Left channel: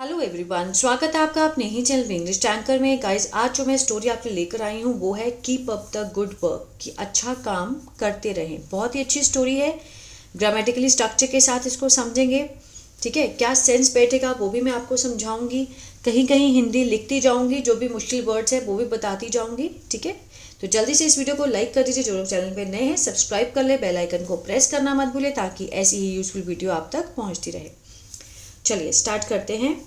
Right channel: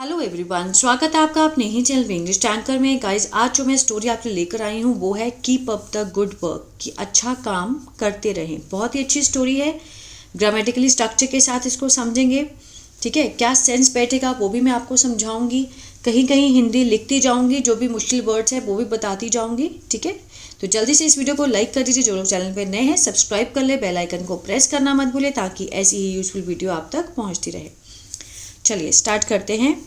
Hello everyone, स्वागत है आपका अपने ही चैनल इंग्लिश टैंकर में। गाइस, आज जो मैं स्टोरी आपके लेकर आई हूँ वो है keep up the good work, कि अच्छा काम करते रहें। बहुत ही अच्छी स्टोरी है। ग्रामेटिकली स्ट्रक्चर के साथ इसको समझेंगे, ठीक है। क्या सेंस बैठेगा वो भी मैं आपको समझाऊंगी। कहीं कहीं हिंदी लिखती जाऊंगी, जो भी मुश्किल वर्ड्स है वो भी बताती जाऊंगी, ठीक है। तो जल्दी से इस वीडियो को लाइक कर दीजिए। जो लोग चैनल पे नए हैं सब्सक्राइब कर ले, बेल आइकन को प्रेस करना मत भूले ताकि ऐसी ही यूजफुल वीडियो आप तक पहुँचती रहे। चलिए स्टार्ट करते हैं।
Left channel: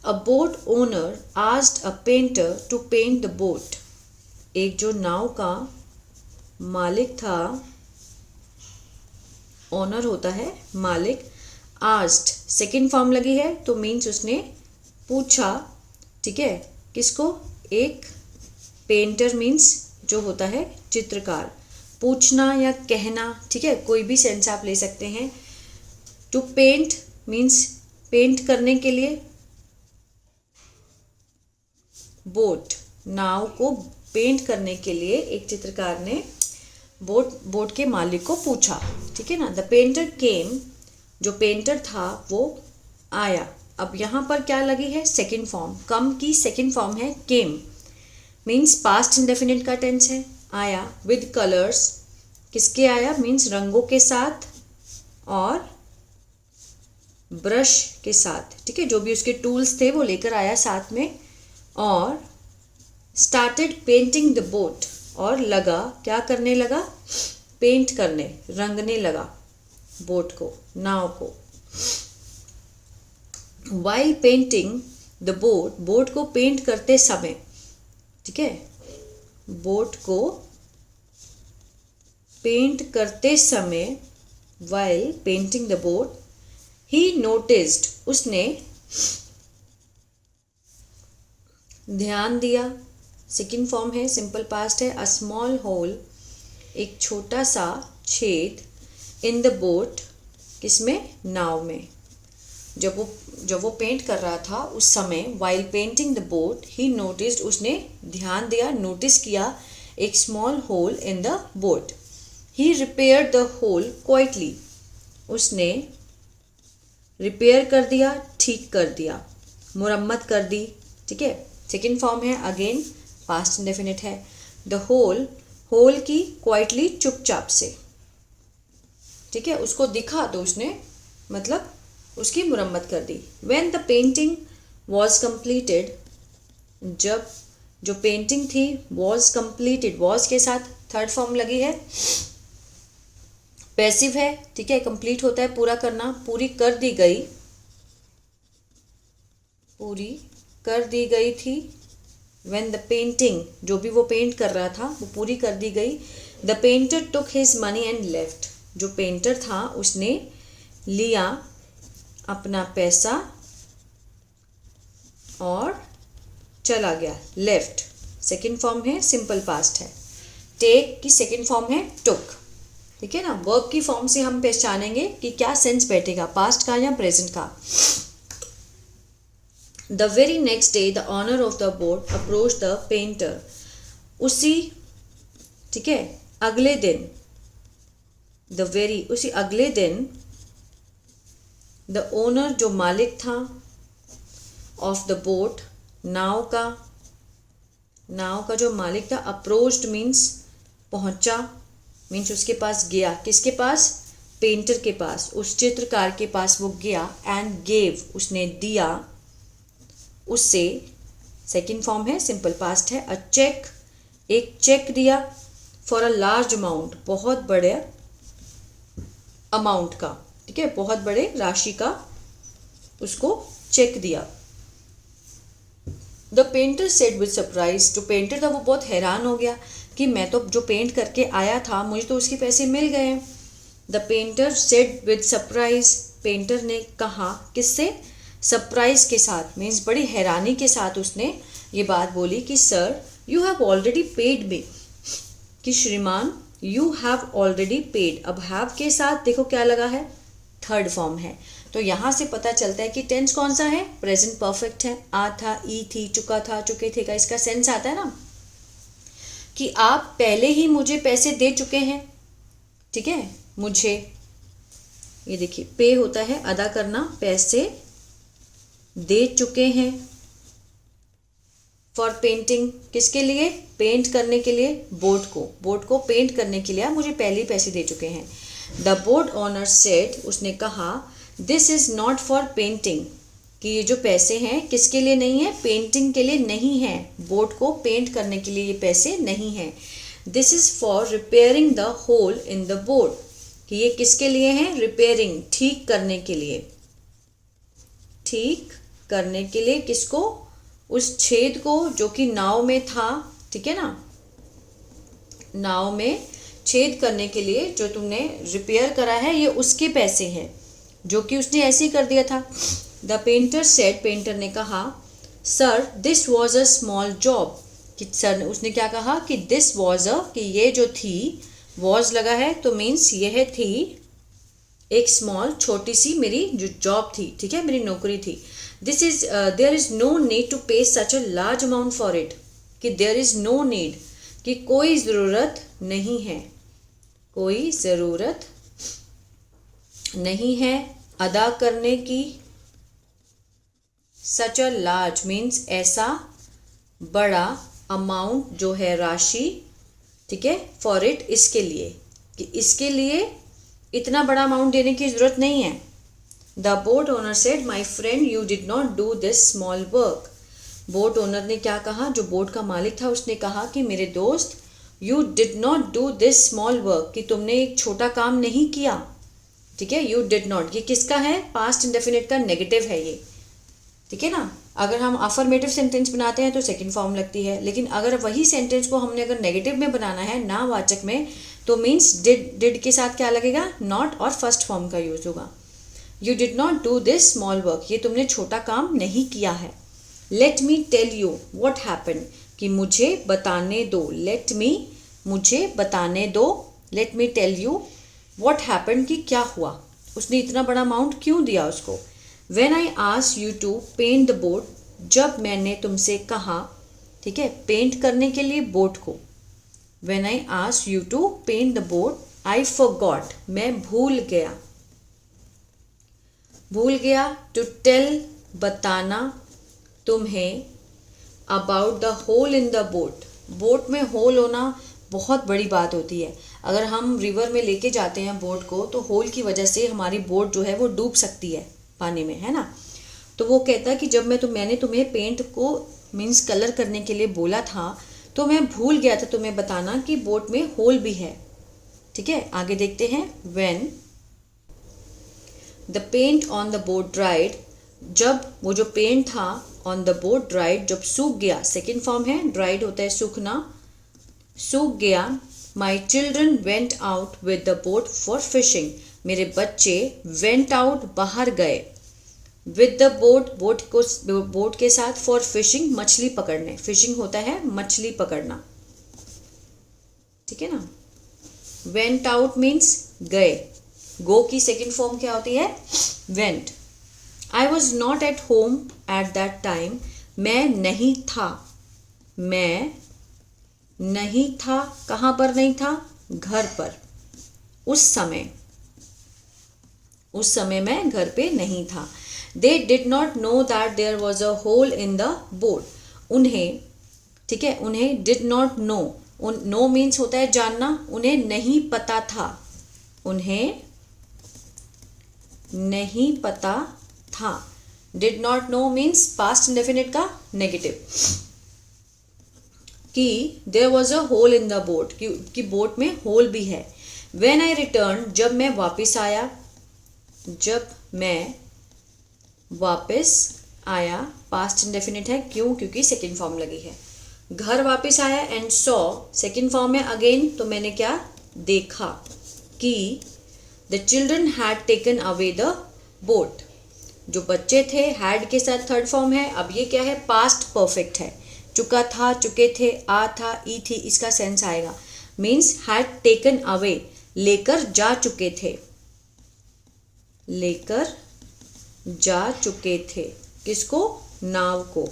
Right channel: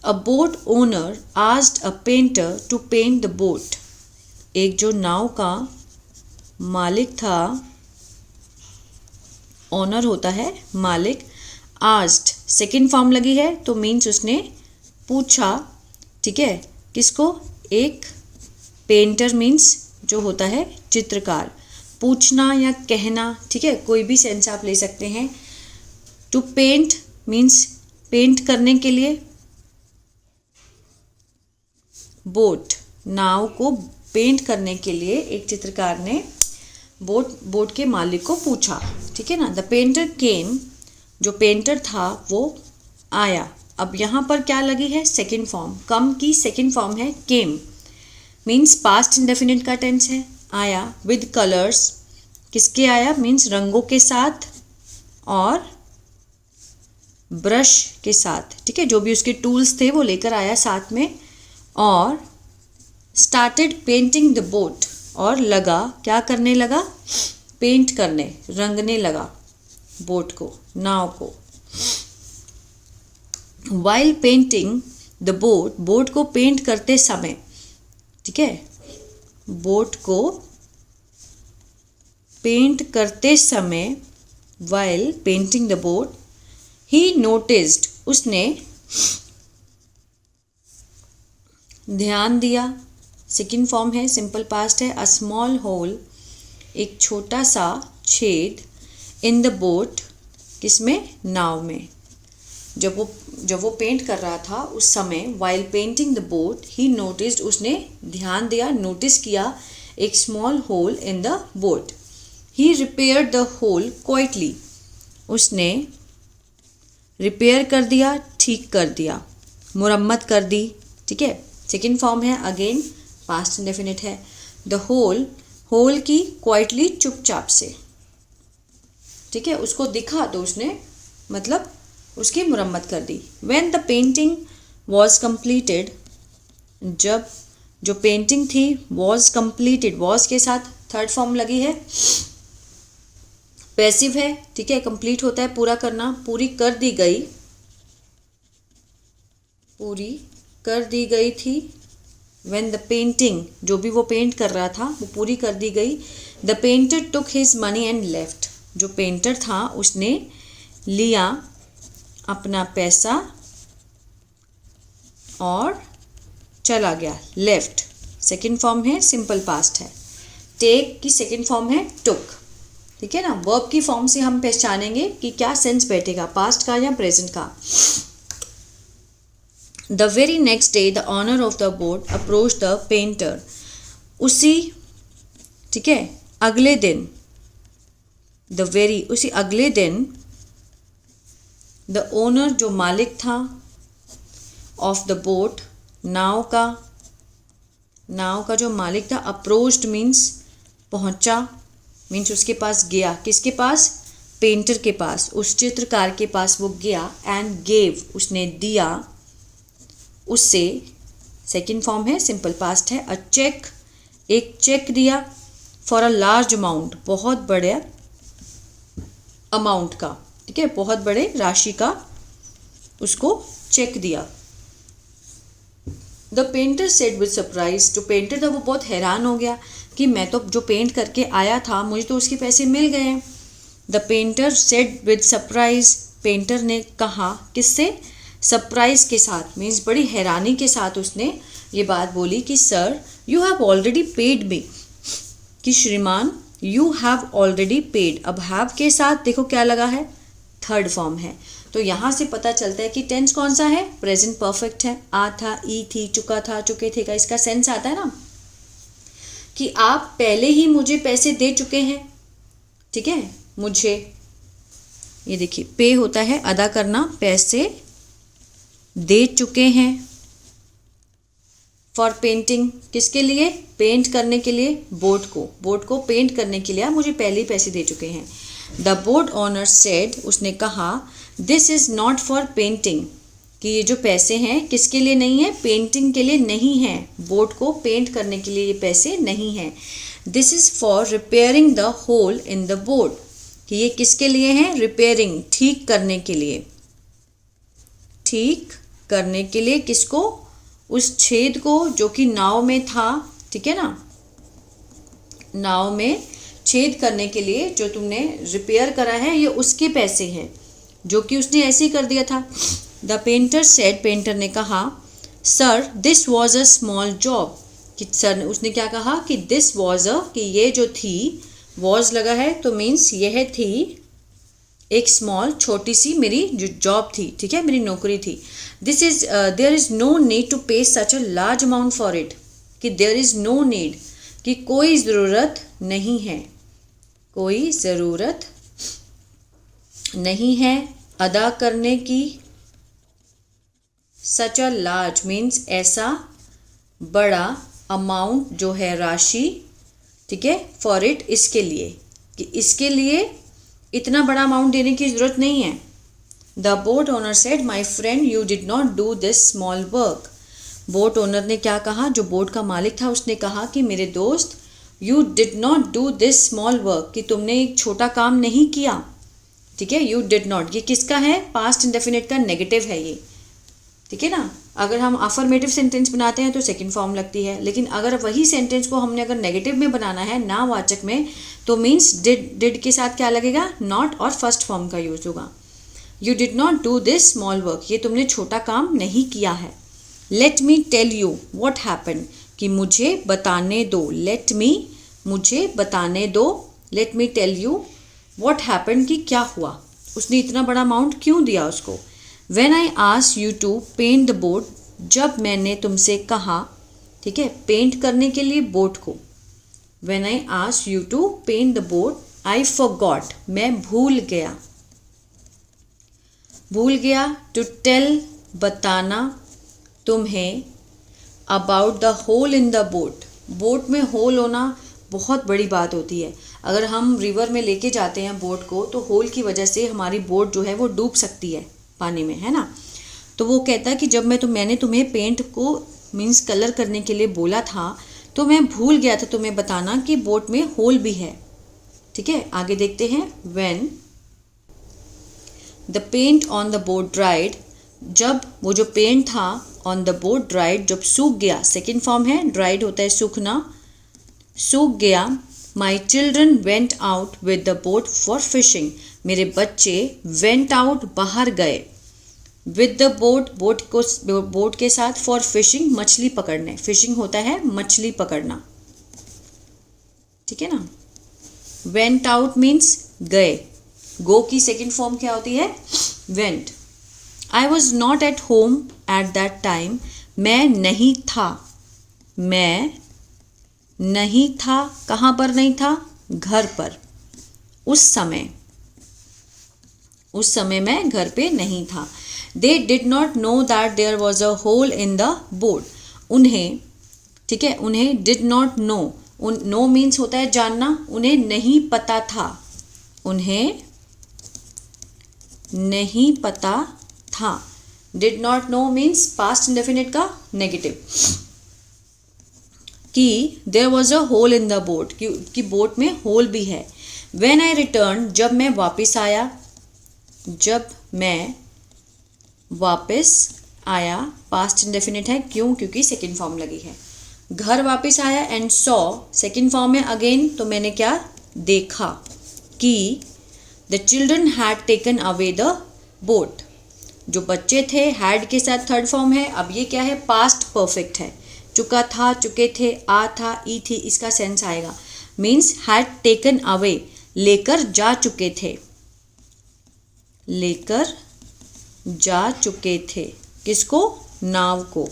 A boat owner asked a painter to paint the boat. एक जो नाव का मालिक था, ओनर होता है मालिक। asked सेकेंड फॉर्म लगी है तो मीन्स उसने पूछा, ठीक है। किसको? एक पेंटर मीन्स जो होता है चित्रकार। पूछना या कहना, ठीक है, कोई भी सेंस आप ले सकते हैं। टू पेंट मीन्स पेंट करने के लिए। बोट नाव को पेंट करने के लिए एक चित्रकार ने बोट के मालिक को पूछा, ठीक है ना। द पेंटर केम, जो पेंटर था वो आया। अब यहाँ पर क्या लगी है? Second form. कम की सेकंड फॉर्म है केम, मीन्स पास्ट इंडेफिनिट का टेंस है। आया विद कलर्स, किसके आया? मीन्स रंगों के साथ और ब्रश के साथ, ठीक है। जो भी उसके टूल्स थे वो लेकर आया साथ में। और स्टार्टेड पेंटिंग द बोट, और लगा, क्या करने लगा? पेंट करने, रंगने लगा बोट को, नाव को। While painting the boat, boat को पेंट करते समय, ठीक है, बोट को पेंट करते समय, while painting the boat, he noticed, उसने ध्यान दिया। सेकेंड फॉर्म है, सिंपल पास्ट है। अ स्मॉल होल, एक छोटा सा छेद। इन द बोट, किसमें? नाव में। जब वो पेंट कर रहा था उस समय, while painting the boat he noticed, उसने ध्यान दिया, नोटिस किया एक small hole in the boat. He repaired the hole quietly, उसने रिपेयर कर दिया, ठीक कर दिया, मुरम्मत कर दी, ठीक है। सेकेंड फॉर्म है, अगेन पास्ट इंडेफिनिट है। द होल, होल की क्वाइटली, चुपचाप से, ठीक है। उसको दिखा तो उसने मतलब उसकी मुरम्मत कर दी। When the painting was completed, जब जो पेंटिंग थी वॉज कंप्लीटेड, वॉज के साथ थर्ड फॉर्म लगी है, पैसिव है, ठीक है। कंप्लीट होता है पूरा करना, पूरी कर दी गई, पूरी कर दी गई थी। व्हेन द पेंटिंग, जो भी वो पेंट कर रहा था वो पूरी कर दी गई। The painter took his money and left, जो पेंटर था उसने लिया अपना पैसा और चला गया। लेफ्ट सेकेंड फॉर्म है, सिंपल पास्ट है। टेक की सेकेंड फॉर्म है टुक, ठीक है ना। वर्ब की फॉर्म से हम पहचानेंगे कि क्या सेंस बैठेगा, पास्ट का या प्रेजेंट का। The very next day, the owner of the boat approached the painter. उसी, ठीक है, अगले दिन, उसी अगले दिन, the owner जो मालिक था, of the boat नाव का जो मालिक था, approached means पहुंचा, मीन्स उसके पास गया। किसके पास? पेंटर के पास, उस चित्रकार के पास वो गया। एंड गेव, उसने दिया उससे, सेकेंड फॉर्म है, सिंपल पास्ट है। अ चेक, एक चेक दिया। फॉर अ लार्ज अमाउंट, बहुत बड़े अमाउंट का, ठीक है, बहुत बड़े राशि का उसको चेक दिया। The painter said with surprise, जो पेंटर था वो बहुत हैरान हो गया कि मैं तो जो पेंट करके आया था मुझे तो उसके पैसे मिल गए। The painter said with surprise, painter ने कहा, किससे? सरप्राइज के साथ, मीन्स बड़ी हैरानी के साथ उसने ये बात बोली कि sir you have already paid me, कि श्रीमान यू हैव ऑलरेडी पेड। अब हैव के साथ देखो क्या लगा है? थर्ड फॉर्म है। तो यहाँ से पता चलता है कि टेंस कौन सा है? प्रेजेंट परफेक्ट है। आ था, ई थी, चुका था, चुके थे का इसका सेंस आता है ना कि आप पहले ही मुझे पैसे दे चुके हैं, ठीक है। मुझे, ये देखिए पे होता है अदा करना, पैसे दे चुके हैं। फॉर पेंटिंग, किसके लिए? पेंट करने के लिए बोट को पेंट करने के लिए आप मुझे पहले ही पैसे दे चुके हैं। द बोट ओनर सेड, उसने कहा, this is not for painting, कि ये जो पैसे हैं किसके लिए नहीं है? पेंटिंग के लिए नहीं है, बोट को पेंट करने के लिए ये पैसे नहीं हैं। This is for repairing the hole in the boat, कि ये किसके लिए हैं? रिपेयरिंग, ठीक करने के लिए। ठीक करने के लिए किसको? उस छेद को जो कि नाव में था, ठीक है ना, नाव में छेद करने के लिए जो तुमने रिपेयर करा है, ये उसके पैसे हैं, जो कि उसने ऐसे ही कर दिया था। द पेंटर सेड, पेंटर ने कहा, sir this was a small job, कि सर, उसने क्या कहा कि दिस वॉज अ, कि ये जो थी, वॉज लगा है तो मीन्स यह थी एक स्मॉल, छोटी सी मेरी जो जॉब थी, ठीक है, मेरी नौकरी थी। This is there is no need to pay such a large amount for it, कि देयर इज़ नो नीड, कि कोई ज़रूरत नहीं है, कोई ज़रूरत नहीं है अदा करने की। सच अ लार्ज मीन्स ऐसा बड़ा, अमाउंट जो है राशि, ठीक है, फॉर इट इसके लिए, कि इसके लिए इतना बड़ा अमाउंट देने की ज़रूरत नहीं है। The boat owner said, my friend you did not do this small work. Boat owner ने क्या कहा? जो बोट का मालिक था उसने कहा कि मेरे दोस्त, you did not do this small work, कि तुमने एक छोटा काम नहीं किया, ठीक है। यू डिड नॉट, ये किसका है? पास्ट इंडेफिनिट का नेगेटिव है ये, ठीक है ना। अगर हम अफर्मेटिव सेंटेंस बनाते हैं तो सेकंड फॉर्म लगती है, लेकिन अगर वही सेंटेंस को हमने अगर नेगेटिव में बनाना है, ना वाचक में, तो मीन्स डिड के साथ क्या लगेगा? नॉट, और फर्स्ट फॉर्म का यूज होगा। You did not do this small work, ये तुमने छोटा काम नहीं किया है। Let me tell you what happen, कि मुझे बताने दो। लेट मी, मुझे बताने दो। Let me tell you what happen, कि क्या हुआ, उसने इतना बड़ा अमाउंट क्यों दिया उसको। When I asked you to paint the boat, जब मैंने तुमसे कहा, ठीक है, पेंट करने के लिए बोट को। When I asked you to paint the boat, I forgot, मैं भूल गया। भूल गया to tell, बताना तुम्हें, about the hole in the boat, boat में होल होना बहुत बड़ी बात होती है। अगर हम रिवर में लेके जाते हैं बोट को, तो होल की वजह से हमारी बोट जो है वो डूब सकती है पानी में, है ना। तो वो कहता है कि जब मैंने तुम्हें पेंट को मीन्स कलर करने के लिए बोला था, तो मैं भूल गया था तुम्हें बताना कि बोट में होल भी है, ठीक है। आगे देखते हैं। When the paint on the boat dried, जब वो जो पेंट था ऑन द बोट ड्राइड, जब सूख गया, सेकेंड फॉर्म है, ड्राइड होता है सूखना, सूख गया। My children went out with the boat for fishing, मेरे बच्चे वेंट आउट, बाहर गए, विद द बोट, बोट के साथ, फॉर फिशिंग, मछली पकड़ने। फिशिंग होता है मछली पकड़ना, ठीक है ना। वेंट आउट मीन्स गए, गो की सेकेंड फॉर्म क्या होती है? Went. I was not at home at that time, मैं नहीं था, मैं नहीं था, कहाँ पर नहीं था? घर पर। उस समय मैं घर पे नहीं था। They did not know that there was a hole in the boat, उन्हें, ठीक है, उन्हें did not know, know means होता है जानना, उन्हें नहीं पता था, उन्हें नहीं पता था। Did not know means past indefinite का नेगेटिव, कि there was a hole in the boat, कि बोट में होल भी है। व्हेन आई रिटर्न, जब मैं वापस आया, जब मैं वापस आया, पास्ट इंडेफिनिट है, क्यों? क्योंकि सेकेंड फॉर्म लगी है। घर वापस आया, एंड सॉ, सेकेंड फॉर्म है अगेन, तो मैंने क्या देखा कि the children had taken away the boat, जो बच्चे थे, हैड के साथ थर्ड फॉर्म है। अब ये क्या है? पास्ट परफेक्ट है, चुका था, चुके थे, आ था, ई थी, इसका सेंस आएगा। मीन्स हैड टेकन अवे, लेकर जा चुके थे, लेकर जा चुके थे, किसको? नाव को।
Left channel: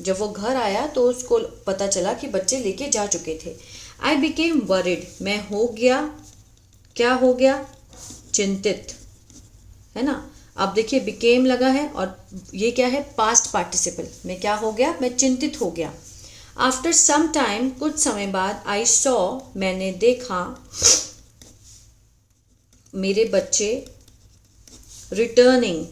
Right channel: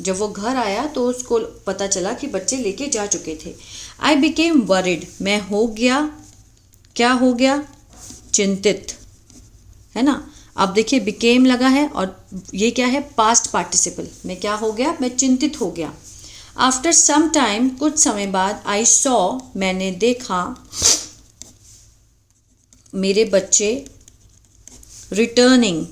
जब वो घर आया तो उसको पता चला कि बच्चे लेके जा चुके थे। आई बिकेम वरिड, मैं हो गया, क्या हो गया? चिंतित, है ना। अब देखिए बिकेम लगा है और ये क्या है, पास्ट पार्टिसिपल में क्या हो गया, मैं चिंतित हो गया। आफ्टर सम टाइम, कुछ समय बाद, आई सॉ, मैंने देखा, मेरे बच्चे, रिटर्निंग,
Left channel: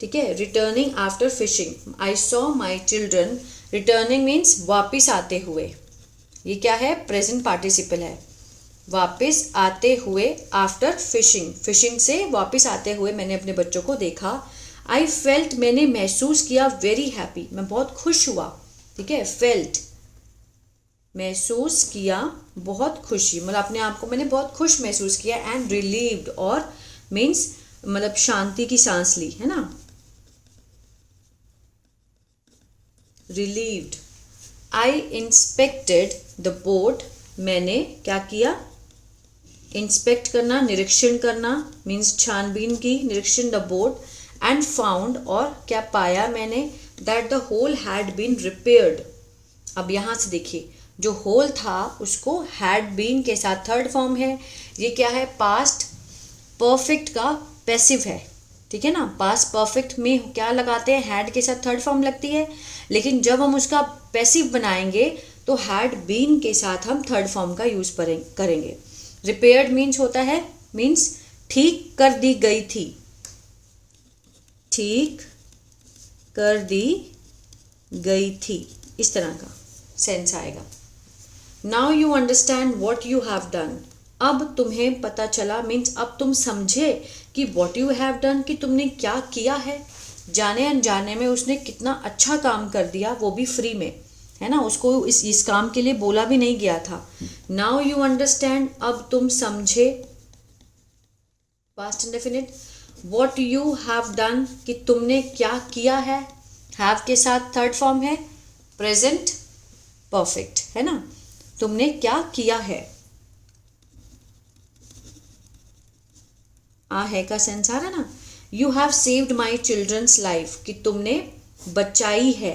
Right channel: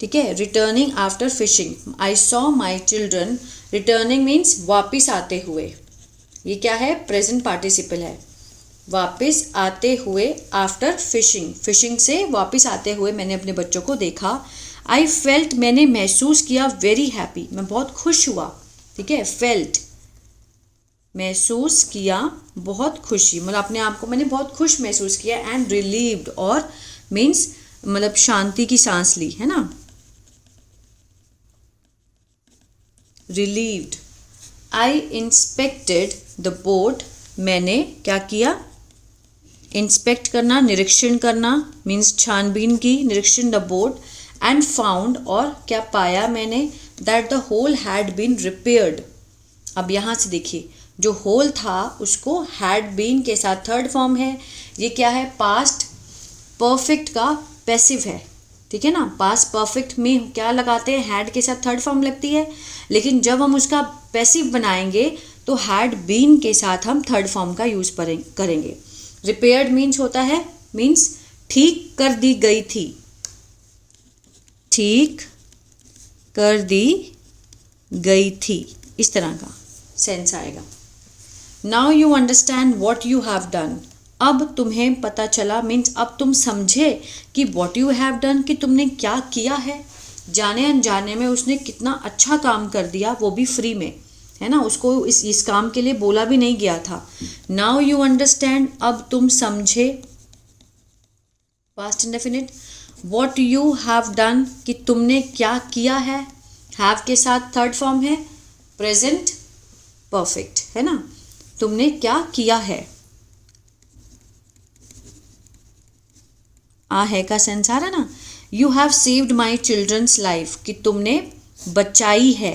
ठीक है, returning after fishing, I saw my children, returning means वापिस आते हुए, ये क्या है, प्रेजेंट पार्टिसिपल है, वापिस आते हुए, आफ्टर फिशिंग, फिशिंग से वापिस आते हुए मैंने अपने बच्चों को देखा। आई फेल्ट, मैंने महसूस किया, वेरी हैप्पी, मैं बहुत खुश हुआ, ठीक है, फेल्ट महसूस किया, बहुत खुशी, मतलब अपने आप को मैंने बहुत खुश महसूस किया, एंड रिलीव्ड, और मीन्स मतलब शांति की सांस ली, है ना, relieved. I inspected the boat, मैंने क्या किया, इंस्पेक्ट करना, निरीक्षण करना, मीन्स छानबीन की, निरीक्षण, द बोट, एंड फाउंड, और क्या पाया मैंने, that the hole had been repaired. अब यहाँ से देखिए, जो होल था उसको हैड बीन के साथ थर्ड फॉर्म है, ये क्या है, पास्ट परफेक्ट का पैसिव है, ठीक है ना, पास्ट परफेक्ट में क्या लगाते हैं, हैड के साथ थर्ड फॉर्म लगती है, लेकिन जब हम उसका पैसिव बनाएंगे तो हैड बीन के साथ हम थर्ड फॉर्म का यूज करेंगे। रिपेयर्ड मीन्स होता है, मीन्स ठीक कर दी गई थी, ठीक कर दी गई थी, इस तरह का सेंस आएगा। Now you understand what you have done, अब तुम्हें पता चला, मीन्स अब तुम समझे कि वॉट यू हैव डन, कि तुमने क्या किया है, जाने अनजाने में उसने कितना अच्छा काम कर दिया, वो भी फ्री में, है ना, उसको इस काम के लिए बोला भी नहीं गया था। नाउ यू अंडरस्टैंड, अब तुम समझे, past indefinite, what you have done, कि तुमने क्या किया है, हैव के साथ थर्ड फॉर्म है, प्रेजेंट परफेक्ट, है ना, तुमने क्या किया है, आ है का सेंस आ रहा ना। You have saved my children's life, कि तुमने बचाई है,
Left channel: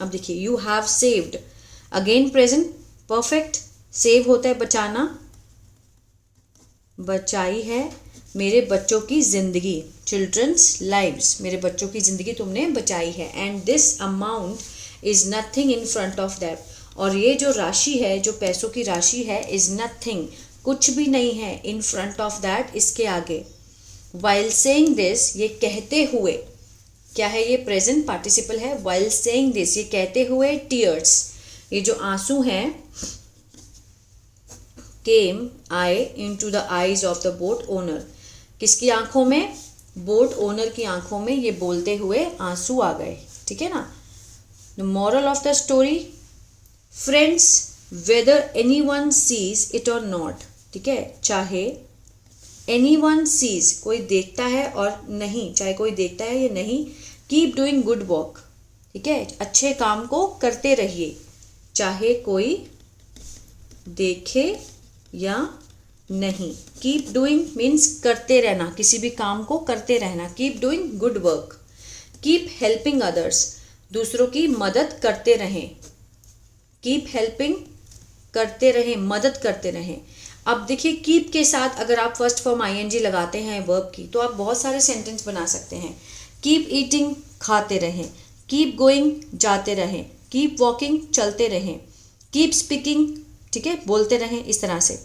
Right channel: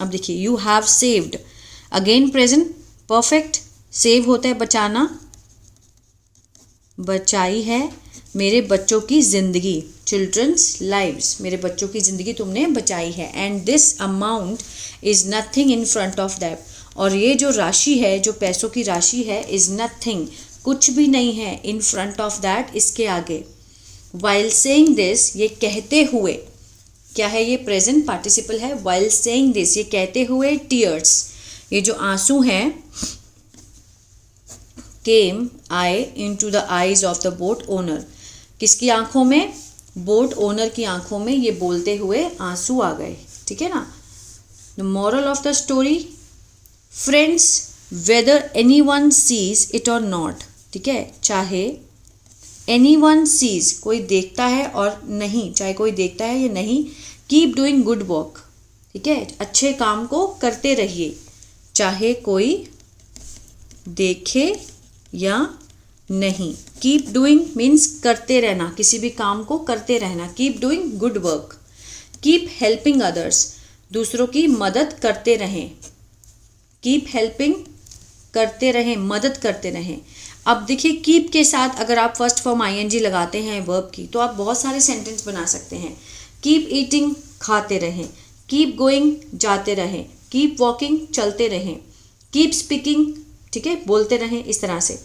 अब देखिए you have saved, again present perfect, save होता है बचाना, बचाई है मेरे बच्चों की जिंदगी, चिल्ड्रंस लाइव्स, मेरे बच्चों की जिंदगी तुमने बचाई है, and this amount is nothing in front of that, और ये जो राशि है, जो पैसों की राशि है, इज नथिंग, कुछ भी नहीं है, इन फ्रंट ऑफ दैट, इसके आगे। वाइल सेइंग दिस, ये कहते हुए, क्या है ये, प्रेजेंट पार्टिसिपल है, वाइल सेइंग दिस, ये कहते हुए, टीयर्स, ये जो आंसू हैं, केम आए into the eyes of the boat owner, किसकी आंखों में, बोट ओनर की आंखों में ये बोलते हुए आंसू आ गए, ठीक है ना। The moral of the story, friends, whether any one sees it और नॉट, ठीक है, चाहे एनी वन सीज, कोई देखता है और नहीं, चाहे कोई देखता है या नहीं, कीप डूइंग गुड वर्क, ठीक है, अच्छे काम को करते रहिए, चाहे कोई देखे या नहीं, कीप डूइंग मीन्स करते रहना, किसी भी काम को करते रहना, keep doing good work, keep helping others, दूसरों की मदद करते रहें, कीप हेल्पिंग करते रहें, मदद करते रहें। अब देखिए कीप के साथ अगर आप फर्स्ट फॉर्म आईएनजी लगाते हैं वर्ब की, तो आप बहुत सारे सेंटेंस बना सकते हैं। कीप ईटिंग, खाते रहें, कीप गोइंग, जाते रहें, कीप वॉकिंग, चलते रहें, कीप स्पीकिंग, ठीक है, बोलते रहें, इस तरह से।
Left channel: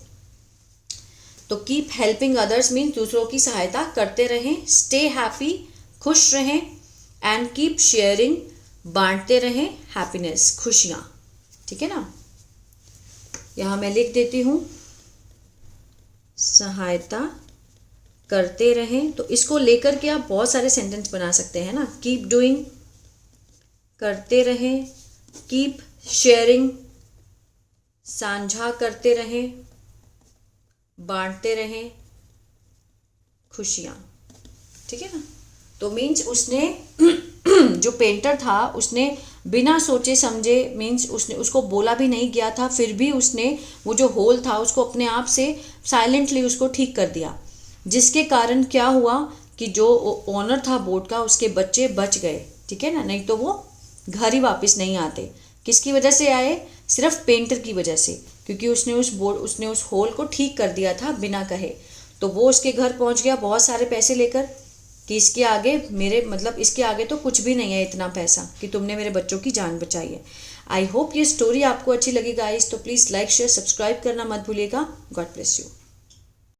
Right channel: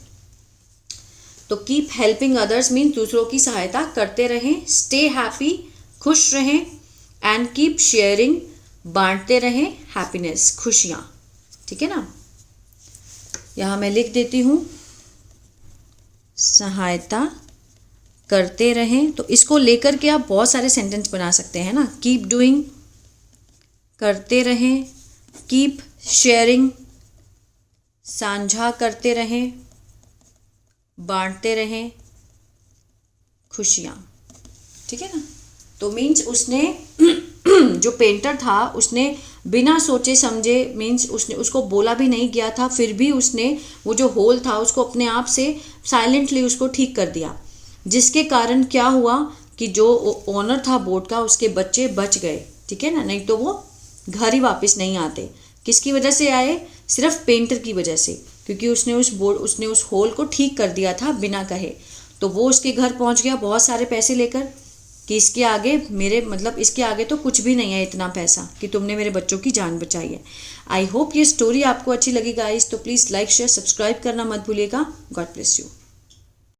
तो कीप हेल्पिंग अदर्स मीन दूसरों की सहायता करते रहें, स्टे हैप्पी, खुश रहें, एंड कीप शेयरिंग, बांटते रहें, हैप्पीनेस, खुशियाँ, ठीक है ना। यहाँ मैं लिख देती हूँ, सहायता करते रहें, तो इसको लेकर के आप बहुत सारे सेंटेंस बना सकते हैं ना। कीप डूइंग, करते रहें, कीप शेयरिंग, साझा करते रहें, बांटते रहें, खुशियाँ, ठीक है ना। तो मीन्स उसने जो पेंटर था उसने बिना सोचे समझे, मीन्स उसने उसको बोला भी नहीं गया था, फिर भी उसने वो जो होल था उसको अपने आप से साइलेंटली उसको ठीक कर दिया, जिसके कारण क्या हुआ कि जो ओनर था बोट का, उसके बच्चे बच गए, ठीक है ना, नहीं तो वो घर ही वापस नहीं आते। किसकी वजह से आए, सिर्फ पेंटर की वजह से, क्योंकि उसने उस होल को ठीक कर दिया था बिना कहे, तो वो उसके घर पहुंच गया बहुत सारे पैसे लेकर, कि इसके आगे मेरे मतलब इसके आगे तो कुछ भी नहीं है इतना पैसा कि तुमने मेरे बच्चों की जान बचाई है। आई होप ये स्टोरी आपको अच्छी लगी गाइस, तो प्लीज़ लाइक शेयर सब्सक्राइब करना मत भूलिएगा। God bless you.